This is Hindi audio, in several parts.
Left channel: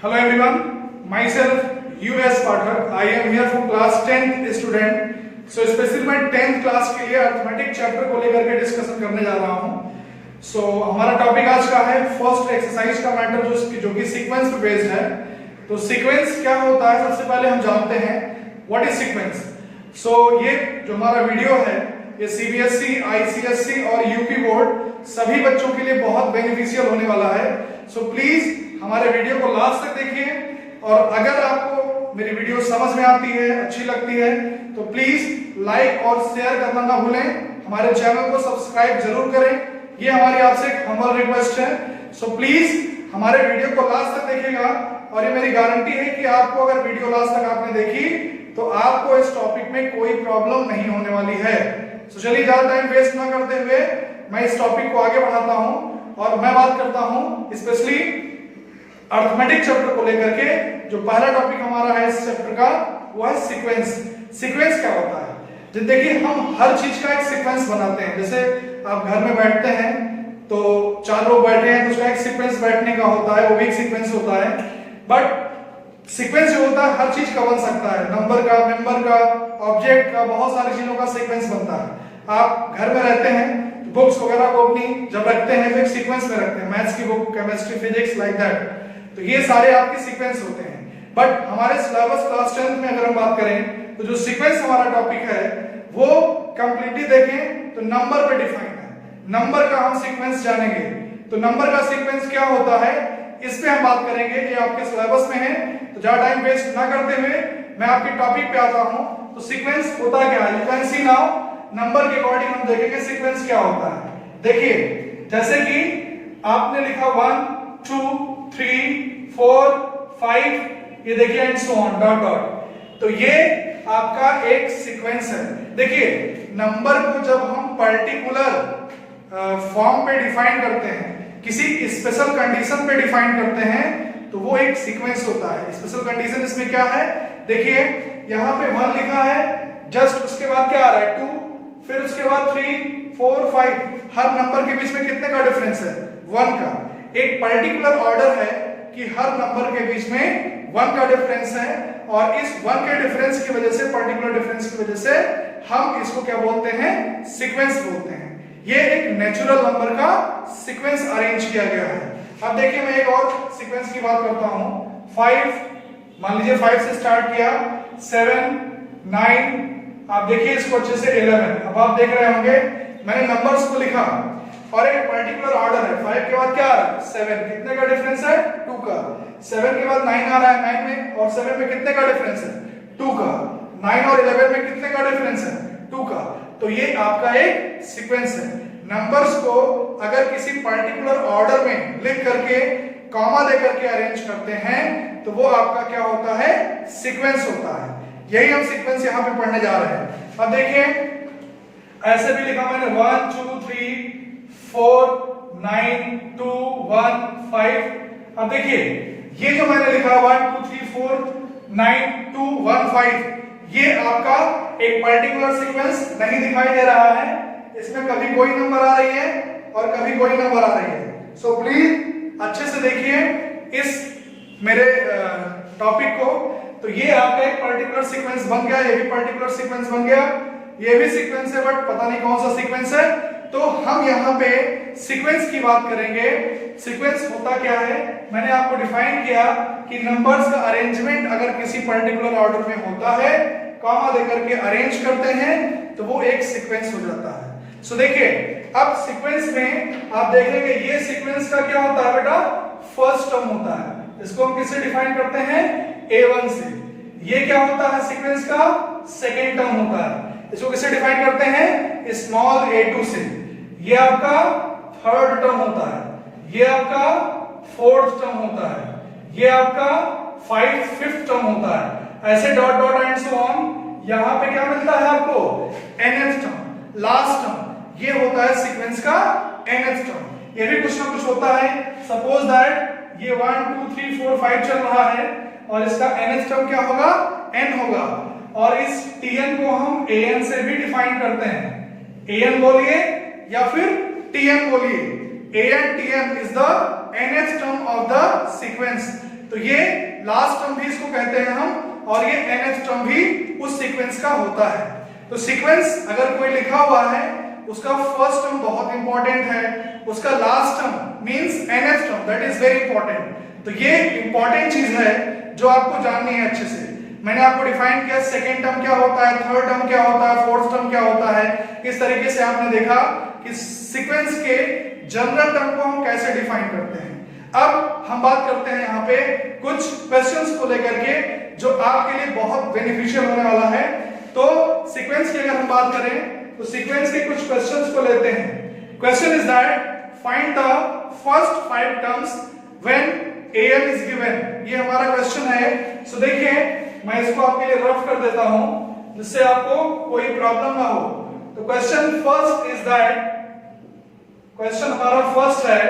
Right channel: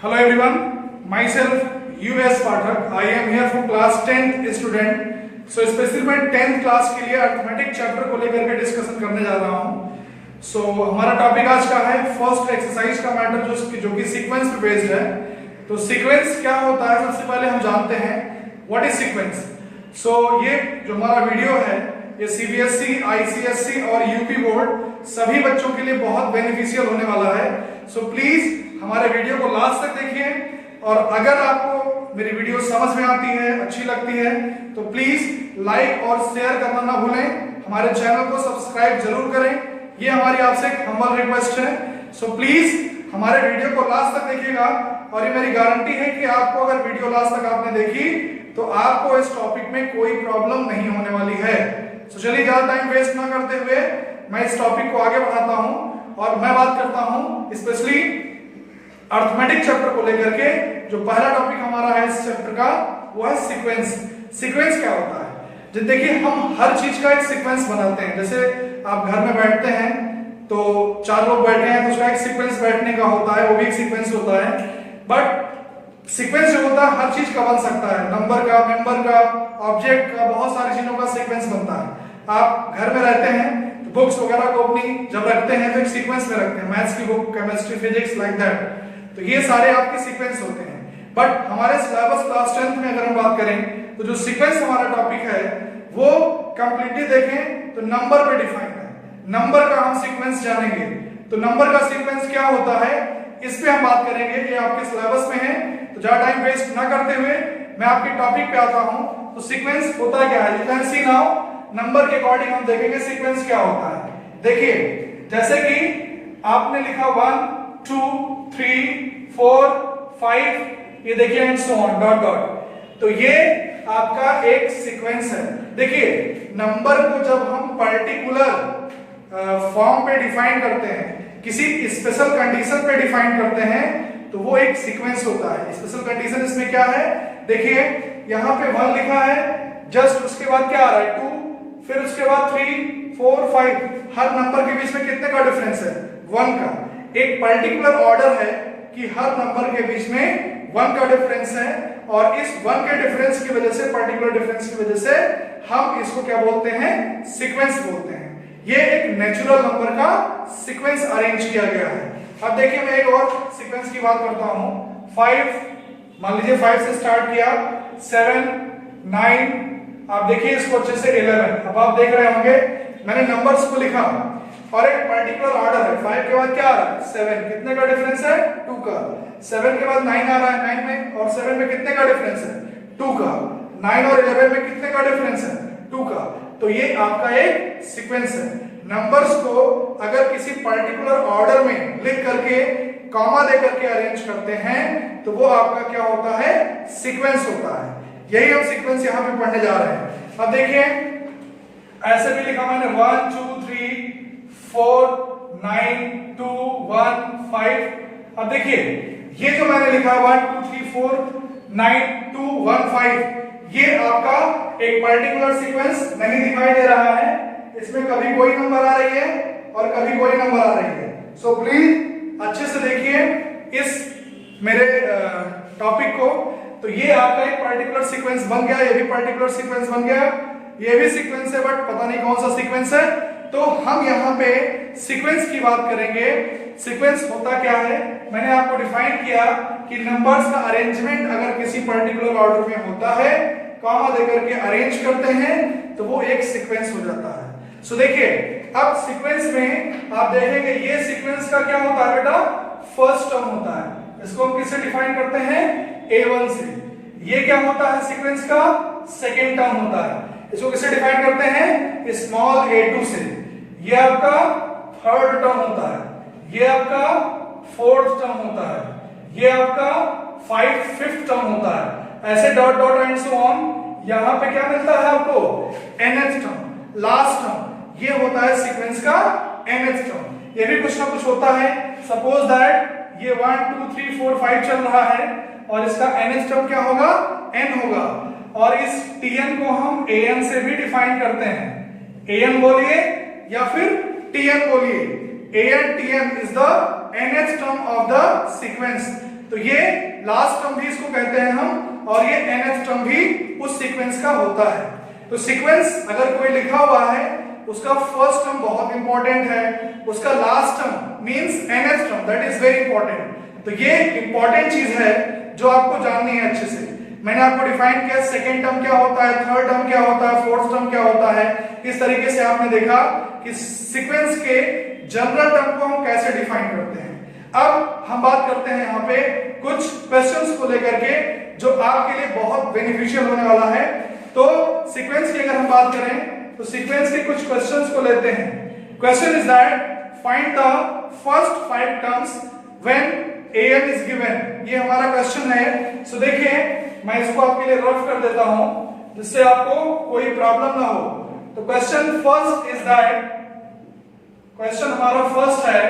Hello everyone, myself US Pathak. I am here for class 10th student. So specially मैं 10th क्लास के लिए अर्थमेटिक चैप्टर को लेकर के डिस्कशन करने जा रहा हूँ. सो हमारा टॉपिक आज का है फर्स्ट एक्सरसाइज का मैटर जो कि सीक्वेंस पे बेस्ड है. तो सीक्वेंस क्या होता है सबसे पहले हम जानते हैं व्हाट इज सीक्वेंस. सो ये जो हमारा वीडियो है ये सीबीएसई, आईसीएसई और यूपी बोर्ड सभी बच्चों के लिए बहुत बेनिफिशियल होने वाला है. सो प्लीज हमारे वीडियो को लास्ट तक देखिए और अगर आपको मेरी वीडियो समझ में आती है, अच्छी लगती है तो प्लीज लाइक और शेयर करना ना भूलें. हमारे चैनल को सब्सक्राइब जरूर करें, ये हमारी आपसे एक हम्बल रिक्वेस्ट है. सो प्लीज हमारे वीडियो को लास्ट तक देखिएगा और ये मेरी गारंटी है कि आपको अगर वीडियो लास्ट तक आपने देखी तो आपको इस टॉपिक में कोई प्रॉब्लम नहीं होने वाली है. तो चलिए ज्यादा टाइम वेस्ट ना करते हुए मैं इस टॉपिक को आगे बढ़ाता हूं और मैं बात करता हूं स्पेशली अर्थमेटिक चैप्टर को लेकर के. जो पहला टॉपिक हमारा है इस चैप्टर का वो है सीक्वेंस. सीक्वेंस क्या होता है? जब देखिए हम हर चीज का एक सीक्वेंस बनाते हैं. जैसे आप घर में बैठते हैं तो 4 लोग बैठे हैं तो उसका एक सीक्वेंस बैठने का होता है, वो भी एक सीक्वेंस होता है. बट सीक्वेंस जो होता है हर चीज का बन सकता है, नंबर का, मेंबर का, ऑब्जेक्ट का, बहुत सारी चीजों का सीक्वेंस बनता है. आप घर में रहते हैं तो बुक्स वगैरह को अपनी जब रखते हैं तो एक सीक्वेंस में रखते हैं, मैथ्स की book, chemistry, physics, like that. तो ये सारे आपके सीक्वेंस होते हैं. बट हमारे सिलेबस क्लास 10 में अगर हम बात करें तो जो सीक्वेंस हमारा टॉपिक है वो कंप्लीटली देखें तो नंबर पे डिफाइन है. नंबर का हम सीक्वेंस जानेंगे. तो नंबर का सीक्वेंस क्या होता है इस पे हम बात करेंगे, ये आपके सिलेबस में है. तो ज्यादा टाइम वेस्ट ना करते हुए मैं आपके टॉपिक पे आता हूं. तो सीक्वेंस होता क्या है, you can see now. Number के अकॉर्डिंग हम देखेंगे सीक्वेंस क्या होता है. देखिए जैसे कि आपने लिखा 1 2 3 4 5, ये देखिए and so on dot dot. तो ये आपका एक सीक्वेंस है. देखिए नंबर को जब हम पर्टिकुलर फॉर्म पे डिफाइन करते हैं, किसी स्पेशल कंडीशन पे डिफाइन करते हैं तो वो एक सीक्वेंस होता है. स्पेशल कंडीशन इसमें क्या है, देखिए यहाँ पे 1 लिखा है, जस्ट उसके बाद क्या आ रहा है 2, फिर उसके बाद 3 4 5. हर नंबर के बीच में कितने का डिफरेंस है, 1 का. एक पर्टिकुलर ऑर्डर है कि हर नंबर के बीच में 1 का डिफरेंस है और इस 1 के डिफरेंस की वजह से, पर्टिकुलर डिफरेंस की वजह से हम इसको क्या बोलते हैं, सीक्वेंस बोलते हैं. ये एक नेचुरल नंबर का सीक्वेंस अरेंज किया गया है. अब देखिए मैं एक और सीक्वेंस की बात करता हूं. 5, मान लीजिए 5 से स्टार्ट किया, 7 9, आप देखिए इसको अच्छे से 11. अब आप देख रहे होंगे मैंने नंबर्स को लिखा और एक पर्टिकुलर ऑर्डर है. 5 के बाद क्या आ रहा है 7, कितने का डिफरेंस है 2 का. 7 के बाद 9 आ रहा है, 9 में और 7 में कितने का डिफरेंस है 2 का. 9 और 11 में कितने का डिफरेंस है 2 का. तो ये आपका एक सीक्वेंस है. नंबर्स को अगर किसी पर्टिकुलर ऑर्डर में लिख करके कॉमा दे करके अरेंज करते हैं तो वो आपका क्या होता है, सीक्वेंस होता है. यही हम सीक्वेंस यहां पे पढ़ने जा रहे हैं. अब देखिए ऐसे भी लिखा मैंने 1 2 3 4 9 2 1 5. अब देखिए ये जो मैंने लिखा 1 2 3 4 9 2 1 5, ये आपका एक पर्टिकुलर सीक्वेंस नहीं दिखाई दे रहा है. इसमें कभी कोई नंबर आ रही है और कभी कोई नंबर आ रही है. सो प्लीज अच्छे से देखिए इस मेरे टॉपिक को. तो ये आपका एक पर्टिकुलर सीक्वेंस बन गया, ये भी पर्टिकुलर सीक्वेंस बन गया, ये भी सीक्वेंस है बट पता नहीं कौन सा सीक्वेंस है. तो हम यहाँ पे सीक्वेंस की बात करेंगे. सीक्वेंस होता क्या है, मैंने आपको डिफाइन किया कि नंबर्स का अरेंजमेंट अगर किसी पर्टिकुलर ऑर्डर में होता है, कॉमा देकर के अरेंज करते हैं तो वो एक सीक्वेंस हो जाता है. सो देखिए अब सीक्वेंस में आप देखेंगे ये सीक्वेंस का क्या होता है बेटा, फर्स्ट टर्म होता है. इसको हम किससे डिफाइन करते हैं, A1 से. ये क्या होता है सीक्वेंस का, सेकेंड टर्म होता है. इसको किससे डिफाइन करते हैं, स्मॉल a2 से. ये आपका थर्ड टर्म होता है, ये आपका फोर्थ टर्म होता है, ये आपका फिफ्थ टर्म होता है. ऐसे dot dot and so on. यहां पे क्या मिलता है आपको, nth टर्म, लास्ट टर्म. ये होता है सीक्वेंस का nth टर्म. ये भी कुछ ना कुछ होता है. सपोज दैट ये 1 2 3 4 5 चल रहा है और इसका nth टर्म क्या होगा, n होगा. और इस tn को हम an से भी डिफाइन करते हैं. an बोलिए या फिर tn बोलिए. an tn is the nth term of the sequence. तो ये लास्ट टर्म भी इसको कहते हैं हम, और ये nth टर्म भी उस सीक्वेंस का होता है। तो सीक्वेंस अगर कोई लिखा हुआ है, उसका फर्स्ट टर्म बहुत इंपॉर्टेंट है, उसका last term means nth term, that is very important. तो ये इंपॉर्टेंट चीज है जो आपको जाननी है अच्छे से। मैंने आपको डिफाइन किया सेकेंड टर्म क्या होता है, थर्ड टर्म क्या होता है, फोर्थ टर्म क्या होता है। इस तरीके से आपने देखा कि सीक्वेंस के जनरल टर्म को हम कैसे डिफाइन करते हैं। अब हम बात करते हैं यहाँ पे कुछ क्वेश्चंस को लेकर के जो आपके लिए बहुत बेनिफिशियल होने वाला है। तो सीक्वेंस की अगर हम बात करें तो सीक्वेंस के कुछ क्वेश्चंस को लेते हैं। Question is that find the first 5 terms when am is given। ये हमारा क्वेश्चन है। सो देखिए मैं इसको आपके लिए रफ कर देता हूं जिससे आपको कोई प्रॉब्लम ना हो। तो question first is that, question हमारा फर्स्ट है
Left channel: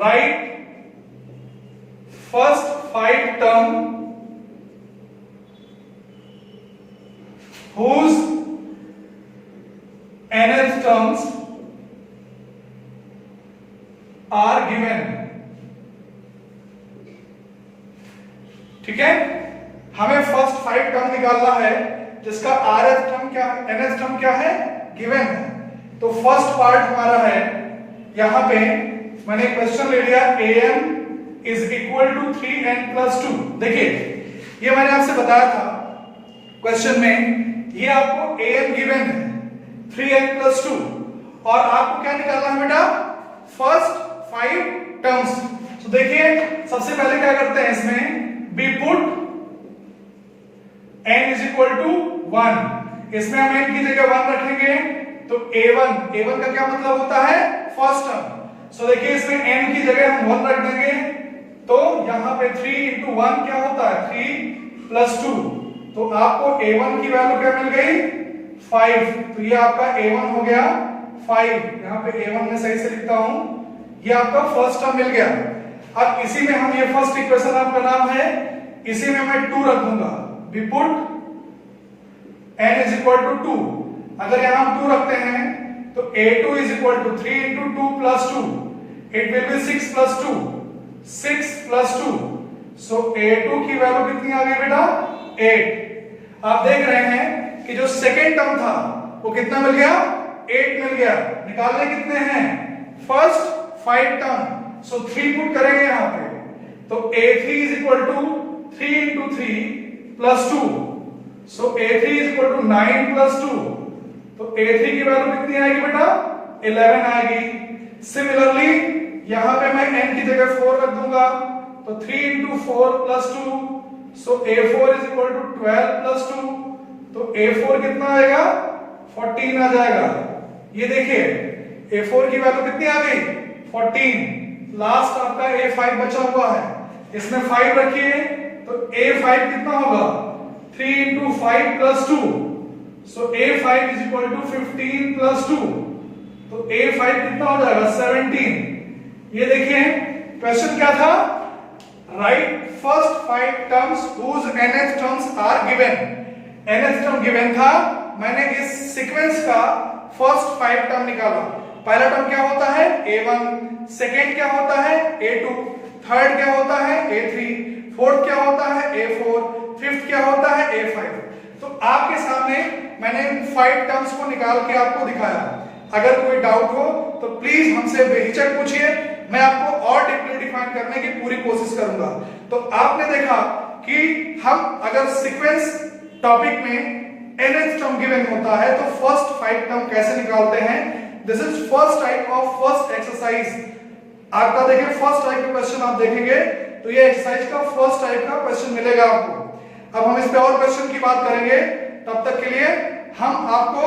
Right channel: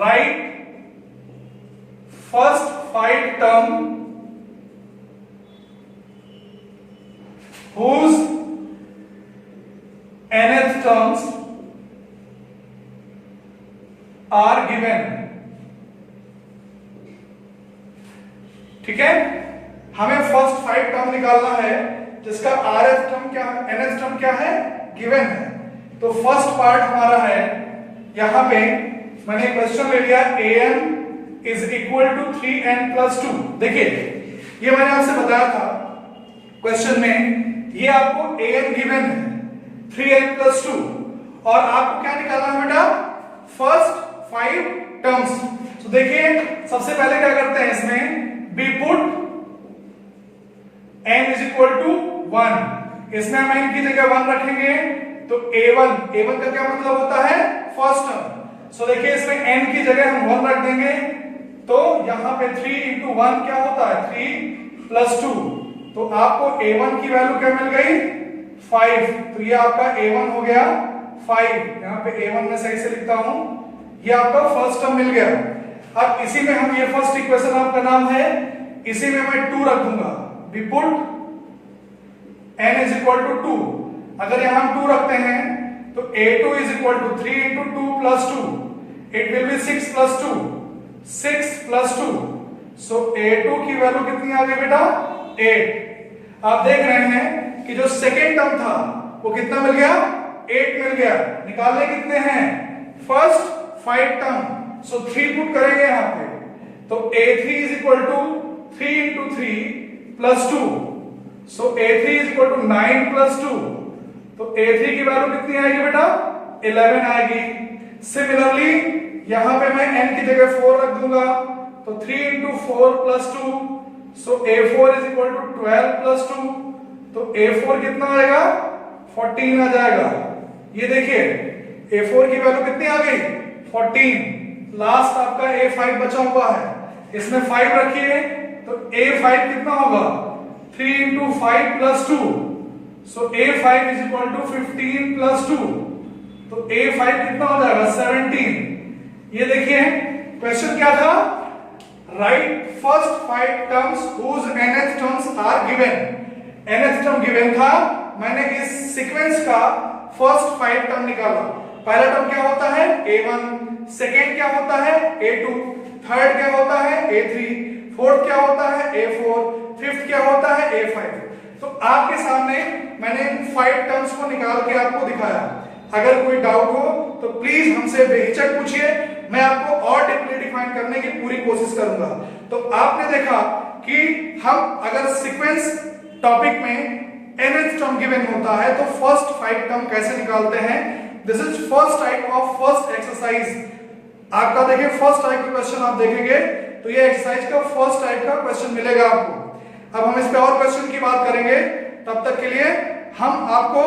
right first 5 term whose nth terms are given। ठीक है, हमें फर्स्ट 5 टर्म निकालना है जिसका rth टर्म क्या, nth टर्म क्या है, गिवन है। तो फर्स्ट पार्ट हमारा है, यहां पे मैंने क्वेश्चन ले लिया am is equal to 3n plus 2। देखिए ये मैंने आपसे बताया था क्वेश्चन में, ये आपको am गिवन है 3n प्लस 2, और आपको क्या निकालना है बेटा, फर्स्ट 5 टर्म्स। तो देखिए सबसे पहले क्या करते हैं इसमें, we put n is equal to 1। इसमें हम n की जगह 1 रखेंगे तो a1 का क्या मतलब होता है, फर्स्ट टर्म। सो देखिए इसमें n की जगह हम 1 रख देंगे तो यहां पे 3 इंटू 1 क्या होता है, 3 प्लस 2। तो आपको a1 की वैल्यू क्या मिल गई, 5। तो ये आपका a1 हो गया 5। यहां पे a1 में सही से लिखता हूं, ये आपका फर्स्ट टर्म मिल गया। अब इसी में हम, ये फर्स्ट इक्वेशन आपका नाम है, इसी में मैं 2 रख दूंगा। We put n is equal to 2। अगर यहां हम 2 रखते हैं तो a2 is equal to 3 into 2 plus 2, it will be 6 plus 2, 6 plus 2। So a2 की वैल्यू कितनी आ गई बेटा, 8। आप देख रहे हैं कि जो सेकेंड टर्म था वो कितना मिल गया, 8 मिल गया। निकालने कितने हैं, फर्स्ट 5 टर्म। सो 3 पुट करेंगे यहां पे, तो a3 is equal to 3 into 3 plus 2। So a3 is equal to 9 plus 2। तो a3 की वैल्यू कितनी आएगी बेटा, 11 आएगी। सिमिलरली यहां पे मैं n की जगह 4 रख दूंगा तो 3 into 4 plus 2। So a4 is equal to 12 plus 2। तो a4 कितना आएगा, 14 आ जाएगा। ये देखिए a4 की वैल्यू कितनी आ गई, 14। लास्ट आपका a5 बचा हुआ है, इसमें 5 रखिए तो a5 कितना होगा, 3 into 5 plus 2। So a5 is equal to 15 plus 2। तो a5 कितना हो जाएगा, 17। ये देखिए क्वेश्चन क्या था, write first 5 terms whose nth terms are given. nth term given था, मैंने इस सीक्वेंस का फर्स्ट 5 टर्म निकाला। पहला टर्म क्या होता है, a1, सेकेंड क्या होता है, a2, थर्ड क्या होता है, a3, फोर्थ क्या होता है, a4, फिफ्थ क्या होता है, a5। तो आपके सामने मैंने इन 5 टर्म्स को निकाल के आपको दिखाया। अगर कोई डाउट हो तो प्लीज हमसे बेहिचक पूछिए, मैं आपको और डीपली डिफाइन करने की पूरी कोशिश करूंगा। तो आपने देखा कि हम अगर सीक्वेंस टॉपिक में nth टर्म गिवन होता है तो फर्स्ट 5 टर्म कैसे निकालते हैं, this is first type of first exercise. आपका देखिए फर्स्ट टाइप का क्वेश्चन आप देखेंगे तो ये एक्सरसाइज का फर्स्ट टाइप का क्वेश्चन मिलेगा आपको। अब हम इस पे और क्वेश्चन की बात करेंगे, तब तक के लिए हम आपको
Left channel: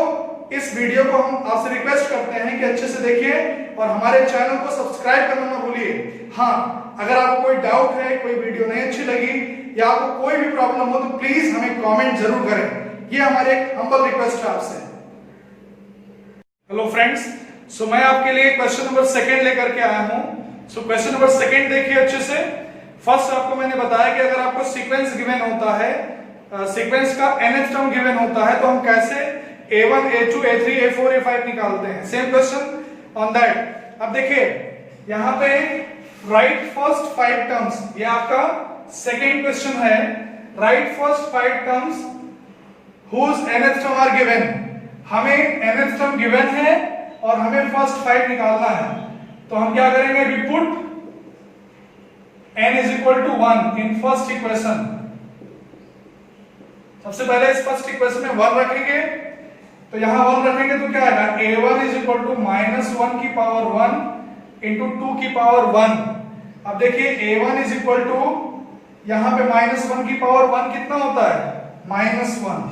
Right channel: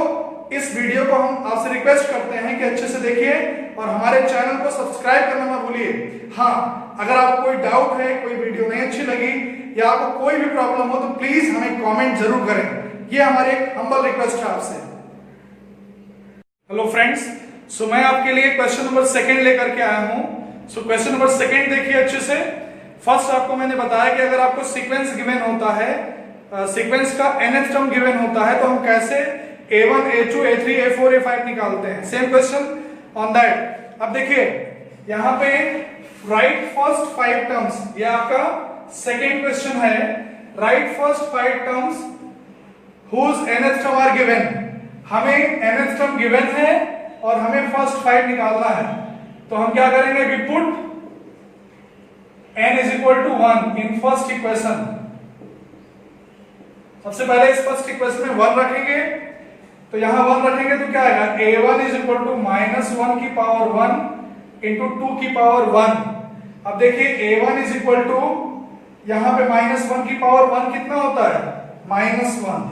इस वीडियो को हम आपसे रिक्वेस्ट करते हैं कि अच्छे से देखिए और हमारे चैनल को सब्सक्राइब करना ना भूलिए। हाँ, अगर आपको कोई डाउट है, कोई वीडियो नहीं अच्छी लगी या आपको कोई भी प्रॉब्लम हो तो प्लीज हमें कमेंट जरूर करें, ये हमारे हम्बल रिक्वेस्ट है आपसे। हेलो फ्रेंड्स, सो मैं आपके लिए क्वेश्चन नंबर 2 लेकर के आया हूं। सो क्वेश्चन नंबर 2 देखिए अच्छे से। फर्स्ट आपको मैंने बताया कि अगर आपको सीक्वेंस गिवन होता है, सीक्वेंस का nth टर्म गिवन होता है तो हम कैसे a1, a2, a3, a4, a5 निकालते हैं। Same question on that. अब देखिए यहां पे राइट फर्स्ट 5 टर्म्स, ये आपका सेकेंड क्वेश्चन है। Right first 5 terms whose nth term are given, हमें nth term given है और हमें फर्स्ट 5 निकालना है। तो हम क्या करेंगे, we put n is equal to 1 in first equation। सबसे पहले इस फर्स्ट इक्वेशन में 1 रखेंगे, तो यहां 1 रखेंगे तो क्या आएगा, a1 is equal to -1 की पावर 1 into 2 की पावर 1। अब देखिए a1 is equal to यहां पे -1 की पावर 1 कितना होता है, -1,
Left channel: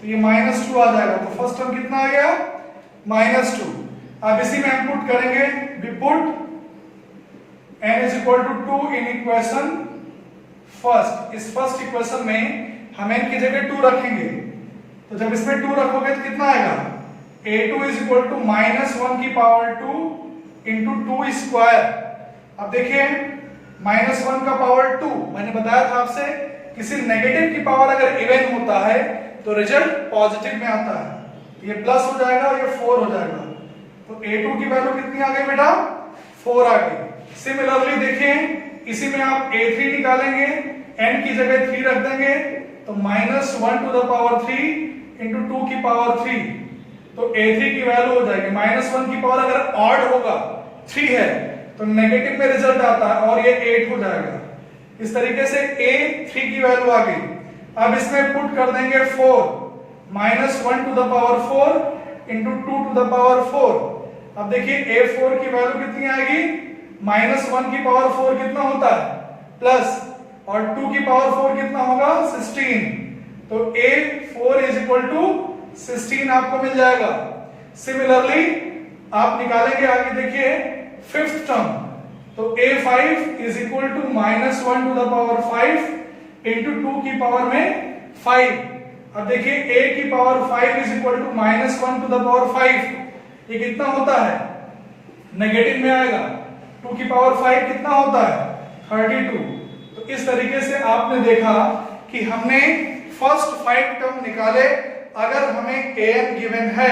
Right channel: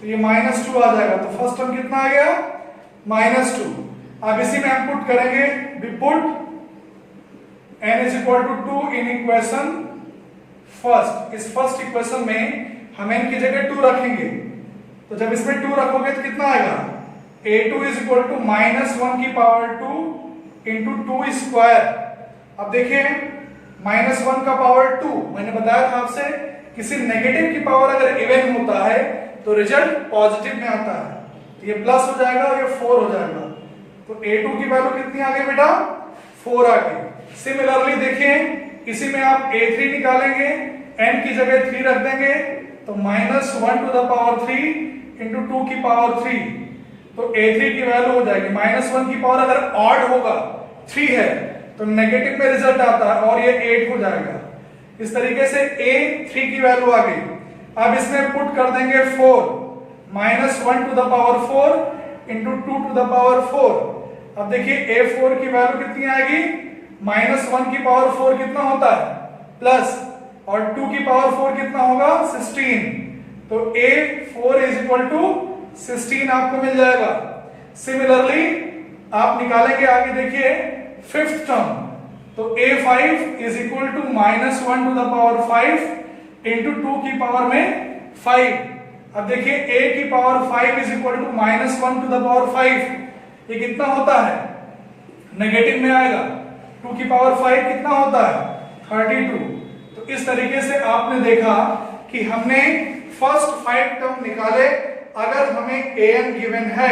तो ये -2 आ जाएगा। तो फर्स्ट टर्म कितना आ गया, -2। अब इसी में हम पुट करेंगे, we put n is equal to 2 in equation first. इस फर्स्ट इक्वेशन में हम n की जगह 2 रखेंगे, तो जब इसमें 2 रखोगे तो कितना आएगा, a2 is equal to -1 की पावर 2 into 2 स्क्वायर। अब देखिए -1 का पावर 2, मैंने बताया था आपसे किसी नेगेटिव की पावर अगर इवन होता है तो रिजल्ट पॉजिटिव में आता है। ये प्लस हो जाएगा और ये 4 हो जाएगा। तो a2 की वैल्यू कितनी आ गई बेटा, 4 आ गई। सिमिलरली देखिए इसी में आप a3 निकालेंगे, n की जगह 3 रख देंगे, तो -1 टू द पावर 3 इंटू 2 की पावर 3, तो a3 की वैल्यू हो जाएगी -1 की पावर अगर ऑड होगा 3 है तो नेगेटिव में रिजल्ट आता है और ये 8 हो जाएगा। इस तरीके से a3 की वैल्यू आ गई। अब इसमें पुट कर देंगे 4, -1 to the power 4 into 2 to the power 4। अब देखिए a4 की वैल्यू कितनी आएगी, -1 की पावर 4 कितना होता है, प्लस, और 2 की पावर 4 कितना होगा, 16। तो a4 इज इक्वल टू 16 आपको मिल जाएगा। सिमिलरली आप निकालेंगे आगे, देखिए फिफ्थ टर्म, तो a5 is equal to -1 to the power 5 into 2 की पावर में 5। अब देखिए a की power 5 is equal to -1 to the power 5, ये कितना होता है, नेगेटिव में आएगा। 2 की पावर 5 कितना होता है, 32। तो इस तरीके से आपने देखा कि हमने फर्स्ट 5 टर्म निकाले। अगर हमें an गिवन है,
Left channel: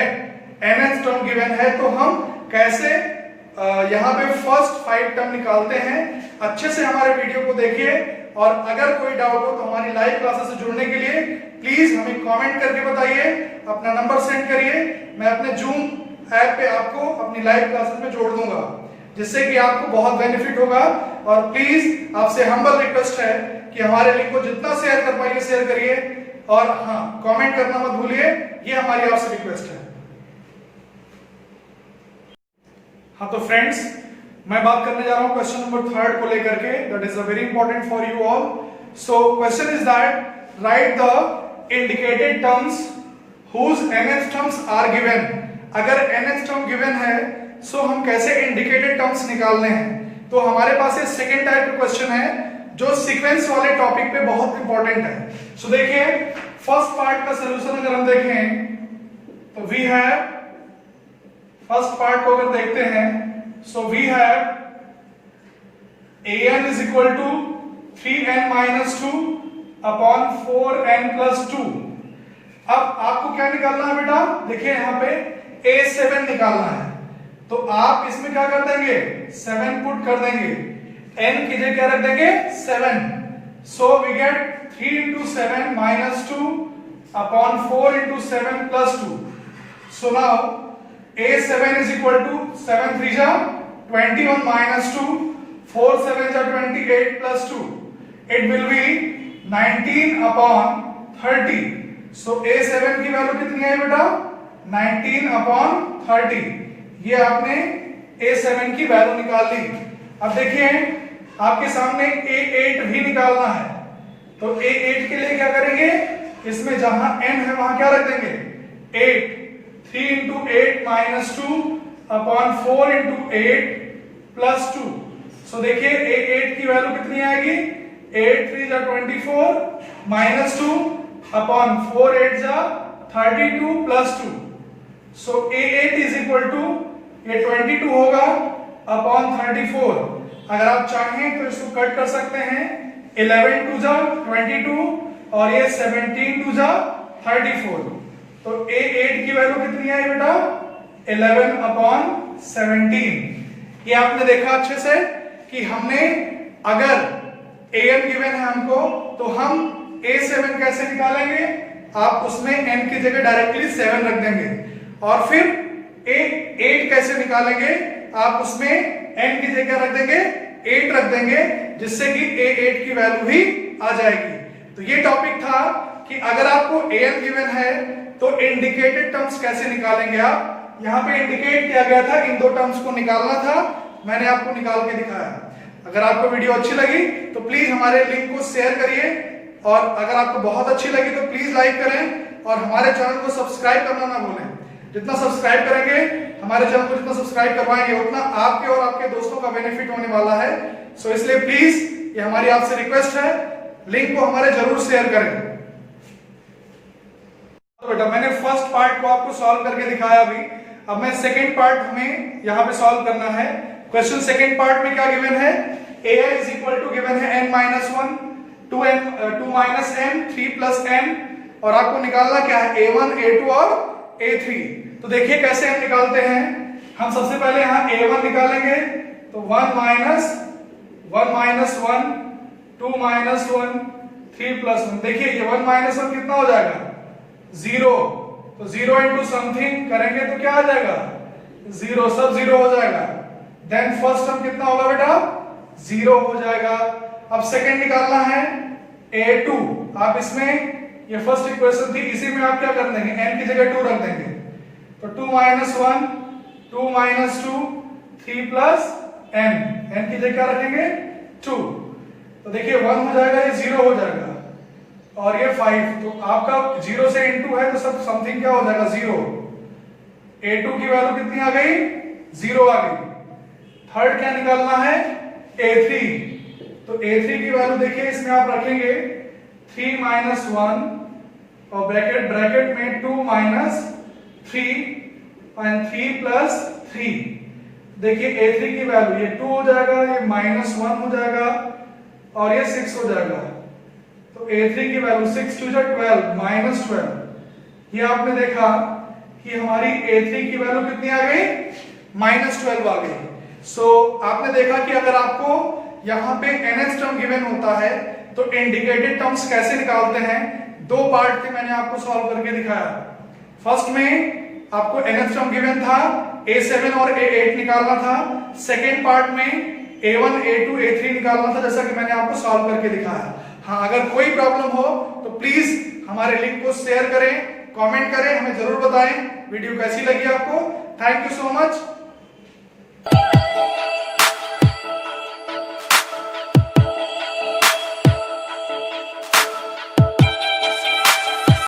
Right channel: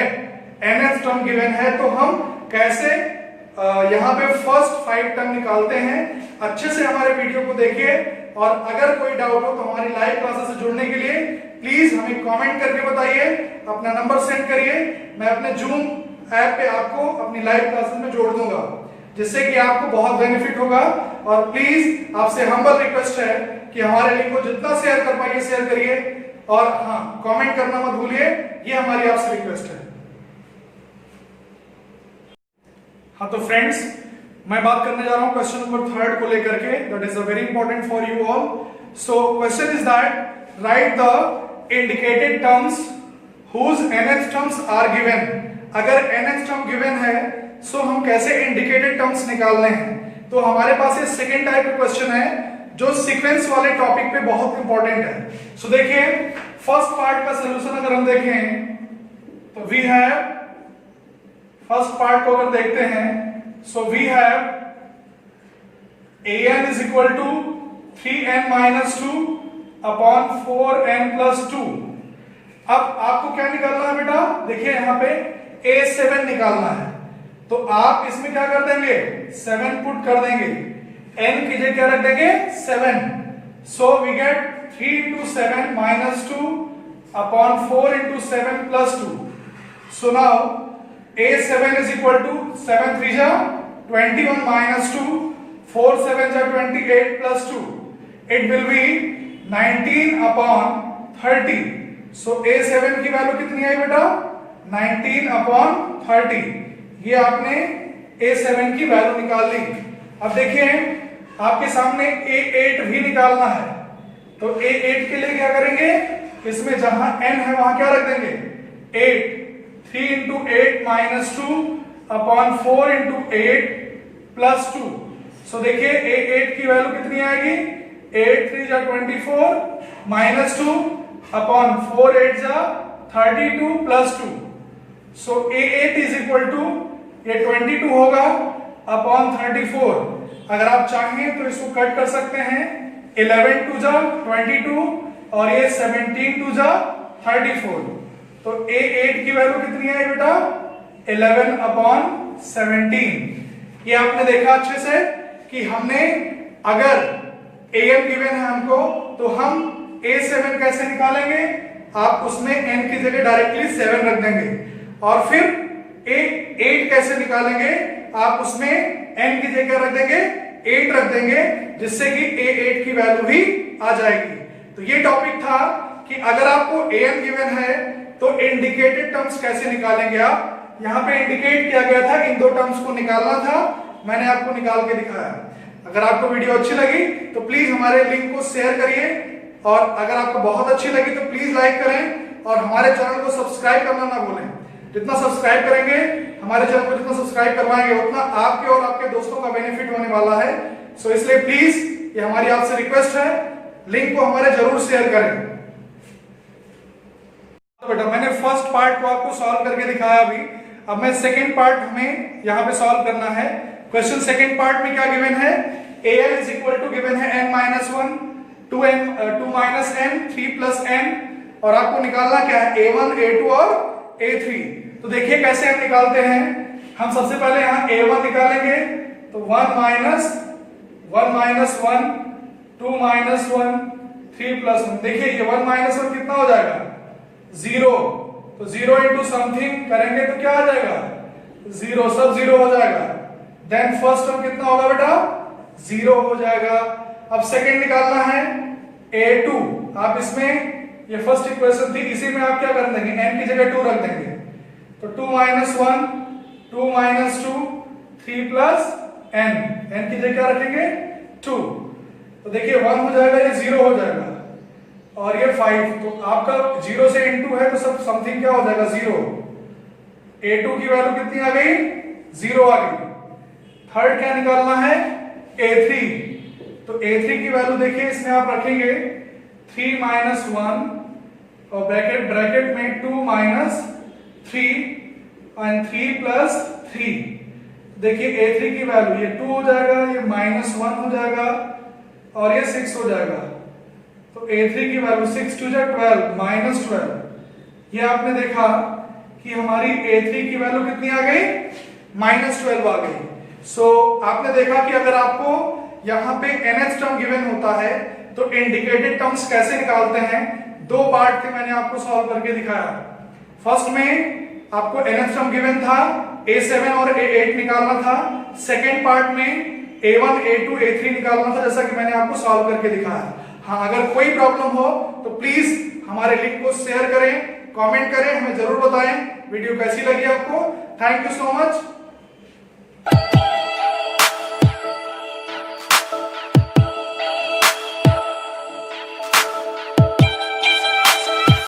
nth टर्म गिवन है, तो हम कैसे यहाँ पे फर्स्ट 5 टर्म निकालते हैं। अच्छे से हमारे वीडियो को देखिए, और अगर कोई डाउट हो तो हमारी लाइव क्लासेस से जुड़ने के लिए प्लीज हमें कमेंट करके बताइए, अपना नंबर सेंड करिए, मैं अपने जूम ऐप पे आपको अपनी लाइव क्लासेस में जोड़ दूंगा, जिससे कि आपको बहुत बेनिफिट होगा। और प्लीज आपसे हम्बल रिक्वेस्ट है कि हमारे लिंक को जितना शेयर कर पाइए शेयर करिए, और हाँ, कमेंट करना मत भूलिए, ये हमारी आपसे रिक्वेस्ट है। हाँ तो फ्रेंड्स, मैं बात करने जा रहा हूं क्वेश्चन नंबर 3 को लेकर के, that is a very important for you all. So question is that write the indicated terms whose nth terms are given. अगर nth टर्म गिवन है सो हम कैसे इंडिकेटेड टर्म्स निकालने हैं। तो हमारे पास ये सेकेंड टाइप का क्वेश्चन है जो सीक्वेंस वाले टॉपिक पे बहुत इंपॉर्टेंट है। सो देखिए फर्स्ट पार्ट का सोल्यूशन अगर हम देखें तो वी हैव, फर्स्ट पार्ट को अगर देखते हैं, so we have an is equal to 3n minus 2 upon 4n plus 2। अब आपको क्या निकालना है बेटा, देखिए यहां पे a7 निकालना है, तो आप इसमें क्या कर देंगे, 7 पुट कर देंगे, n की जगह क्या रख देंगे, 7। So we get 3 into 7 minus 2 upon 4 into 7 plus 2। So now a7 is equal to 7 3 जा 21 minus 2, 4 7 जा 28 plus 2, it will be 19 upon 30। So a7 की वैल्यू कितनी आई बेटा, 19 upon 30। ये आपने a7 की वैल्यू निकाल ली। अब देखिए आपके सामने a8 भी निकालना है, तो a8 के लिए क्या करेंगे, इसमें जहां n है वहां क्या रख देंगे, 8। 3 into 8 minus 2 upon 4 into 8 plus 2। सो देखिए a8 की वैल्यू कितनी आएगी, 8 3 जा 24 minus 2 upon 4 8 जा 32 plus 2। So a8 is equal to, ये 22 होगा upon 34। अगर आप चाहें तो इसको कट कर सकते हैं, 11 2 जा 22 और ये 17 2 जा 34। तो a8 की वैल्यू कितनी आई बेटा, 11 upon 17। ये आपने देखा अच्छे से कि हमने अगर am गिवन है हमको तो हम a7 कैसे निकालेंगे, आप उसमें n की जगह डायरेक्टली 7 रख देंगे, और फिर a8 कैसे निकालेंगे, आप उसमें n की जगह रख देंगे 8 रख देंगे, जिससे कि a8 की वैल्यू ही आ जाएगी। तो ये टॉपिक था कि अगर आपको am गिवन है तो इंडिकेटेड टर्म्स कैसे निकालेंगे। आप यहाँ पे इंडिकेट किया गया था, इन दो टर्म्स को निकालना था, मैंने आपको निकाल के दिखाया। अगर आपको वीडियो अच्छी लगी तो प्लीज हमारे लिंक को शेयर करिए, और अगर आपको बहुत अच्छी लगी तो प्लीज लाइक करें, और हमारे चैनल को सब्सक्राइब करना ना भूलें। जितना सब्सक्राइब करेंगे, हमारे चैनल को जितना सब्सक्राइब करवाएंगे, उतना आपके और आपके दोस्तों का बेनिफिट होने वाला है। सो इसलिए प्लीज, ये हमारी आपसे रिक्वेस्ट है, लिंक को हमारे जरूर शेयर करें। तो बेटा मैंने फर्स्ट पार्ट को आपको सॉल्व करके दिखाया अभी, अब मैं सेकेंड पार्ट हमें यहाँ पे सॉल्व करना है। क्वेश्चन सेकेंड पार्ट में क्या गिवन है, ai is equal to given है n-1, 2 minus n, 3 plus n, और आपको निकालना क्या है a1, a2 और a3। तो देखिए कैसे हम निकालते हैं। हम सबसे पहले यहाँ a1 निकालेंगे, तो 1 माइनस 1, 2 माइनस 1, 3 प्लस 1। देखिए ये 1 माइनस 1 कितना हो जाएगा, 0। तो 0 इंटू समथिंग करेंगे तो क्या आ जाएगा, 0, सब 0 हो जाएगा। देन फर्स्ट टर्म कितना होगा बेटा, 0 हो जाएगा। अब सेकंड निकालना है a2, आप इसमें, ये फर्स्ट इक्वेशन थी, इसी में आप क्या कर देंगे, n की जगह 2 रख देंगे, तो 2 माइनस 1, 2 माइनस 2, 3 प्लस n की जगह क्या रखेंगे 2। तो देखिए 1 हो जाएगा, ये 0 हो जाएगा, और ये 5। तो आपका 0 से इनटू है तो सब समथिंग क्या हो जाएगा, 0। a2 की वैल्यू कितनी आ गई, 0 आ गई। थर्ड क्या निकालना है, a3। तो a3 की वैल्यू देखिए इसमें आप रखेंगे 3 माइनस 1 और ब्रैकेट में 2 माइनस 3 एंड 3 प्लस 3। देखिए a3 की वैल्यू ये 2 हो जाएगा, ये माइनस 1 हो जाएगा, और ये 6 हो जाएगा। तो a3 की वैल्यू 6 टू 12, माइनस 12। ये आपने देखा कि हमारी a3 की वैल्यू कितनी आ गई, माइनस 12 आ गई। सो आपने देखा कि अगर आपको यहाँ पे nth टर्म गिवन होता है तो इंडिकेटेड टर्म्स कैसे निकालते हैं। दो पार्ट के मैंने आपको सॉल्व करके दिखाया। फर्स्ट में आपको nth टर्म गिवन था, a7 और a8 निकालना था। सेकेंड पार्ट में a1, a2, a3 निकालना था, जैसा कि मैंने आपको सॉल्व करके दिखाया। हाँ, अगर कोई प्रॉब्लम हो तो प्लीज हमारे लिंक को शेयर करें, कमेंट करें, हमें जरूर बताएं वीडियो कैसी लगी आपको। Thank you so much.